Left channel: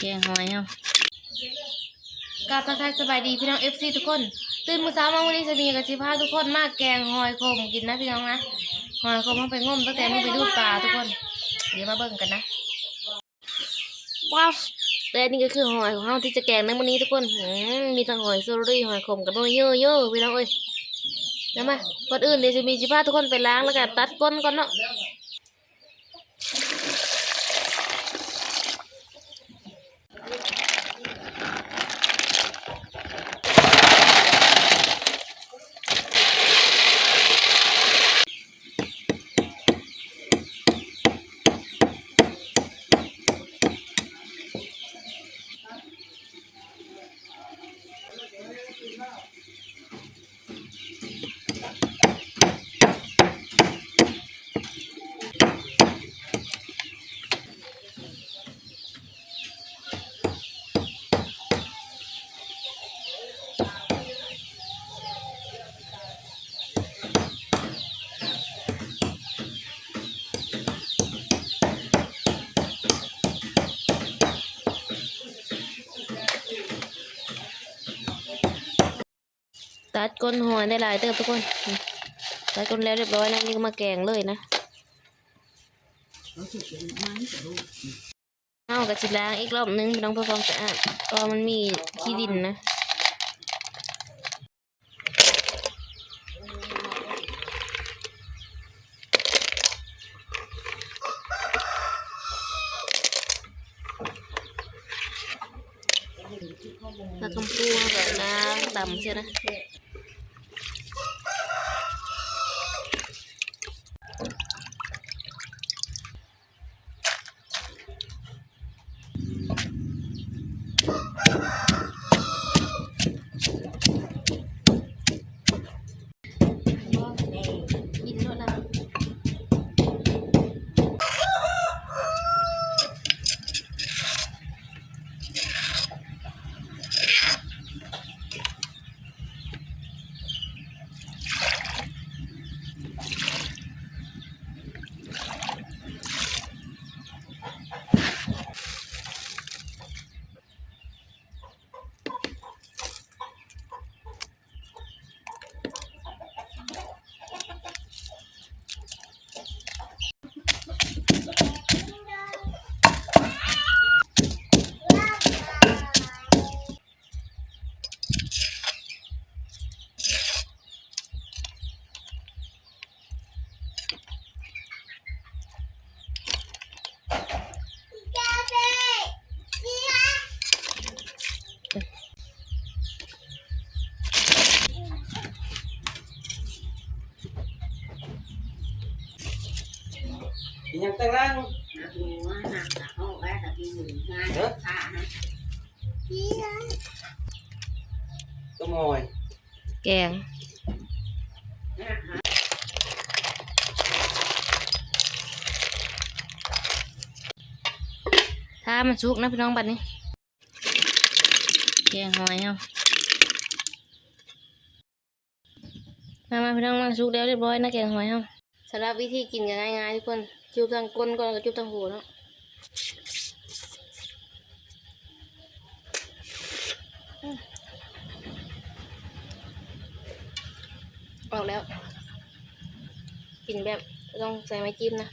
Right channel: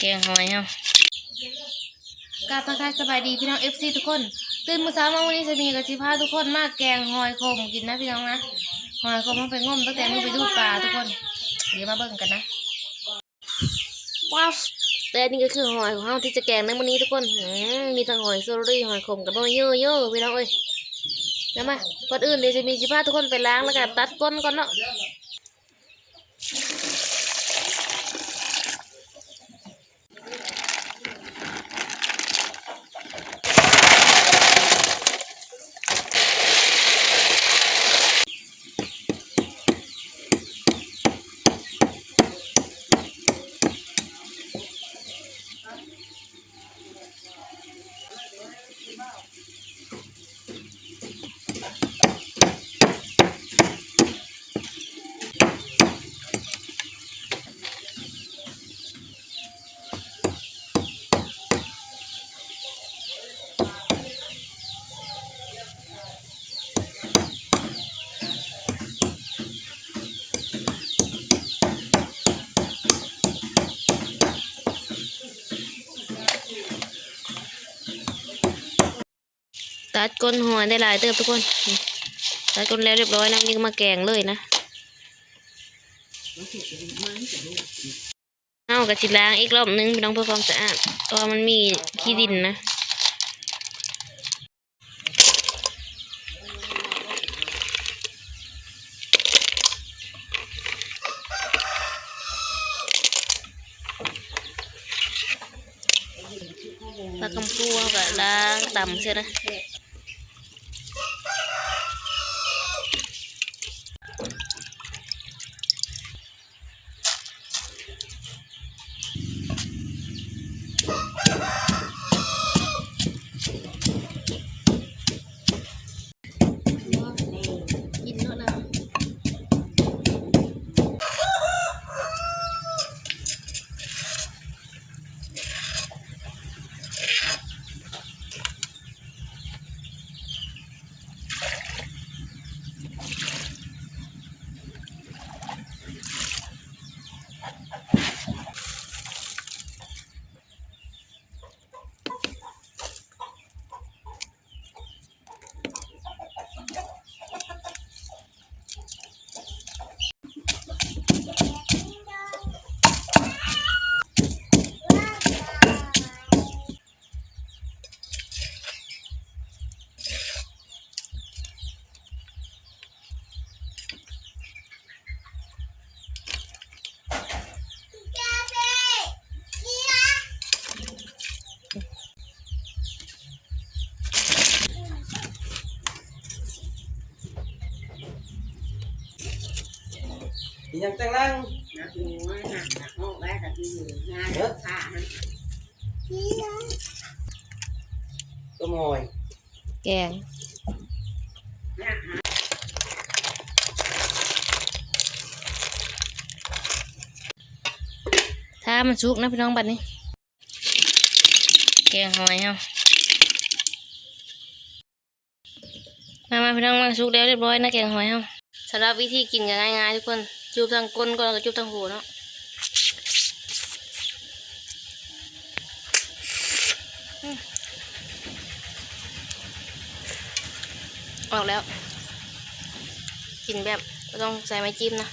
แกงหอยเฮา กราบทักทายสบายดีพี่น้องFCทุกคนตื่นมื้อเช้ามาวันนี้จะมีกับสิพาทุกคนมาแกงหอยขมกินนะพี่น้องนะหอยขมมันไปงมตั้งแต่มื้อไปดูดปลาทุกคนเดี๋ยวมาเบิ่งกันนะว้าวแต่นี่ก็คือหอยของเฮาที่จะแกงในมื้อนี้ทุกคนมีทั้งหอยโซรี่หอยขมกับหอยเยอะๆพี่น้องเอ้ยนะมาก่อนอื่นเดี๋ยวจะมีสิพาทุกคนไปล้างแล้วก็ตัดก้นก่อนเนาะตัดก้นหอยได้หลายเติบทุกคนตัดก้นแล้วเรียบร้อยนะนี่ก็มาแกงเลยนะเอากระชิล้างอีกรอบนึงพี่น้องเพื่อความสะอาดเพราะมันมีขี้ดินนะปลากำพูเอาก็ล้างต่ำใช่ไหมกินเนาะนะยังแต่งนั่งตัวมอยแกงถ้ามันสุกนะพี่น้องบัดนี้แกงหอยเฮามาพี่น้องมาสุกแล้วเรียบร้อยนะแกงหอยเฮาสำหรับวิธีกินก็ง่ายๆทุกคนจุบทางก้นก่อนก็จุบทางหูเนาะออกแล้วกินแบบต้องใส่ไม้จิ้มนะ